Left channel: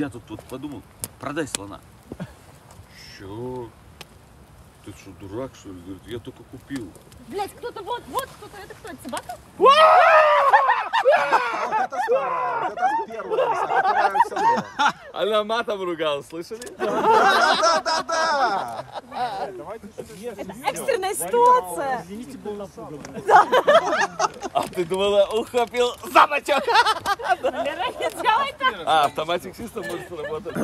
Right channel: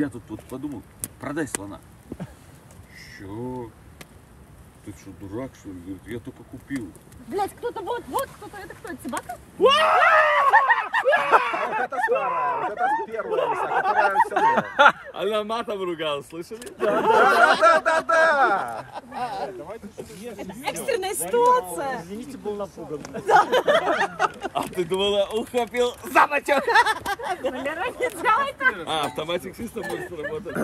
Я тут вот подумал, продай слона. Чё? Ты что, дурак, что ли? Говорит, я только купил. Блять, кто-то вот кто-то, это кто, это собака? Вот это старая, вот это первая лиса, которая все было. Она матом ругала, слышали? Да-да-да-да! Экстренная ситуация. Извините, был напуган. А ты думала, ухватил замочек? Валера, не делай так. А, автоматик чисто может сработать.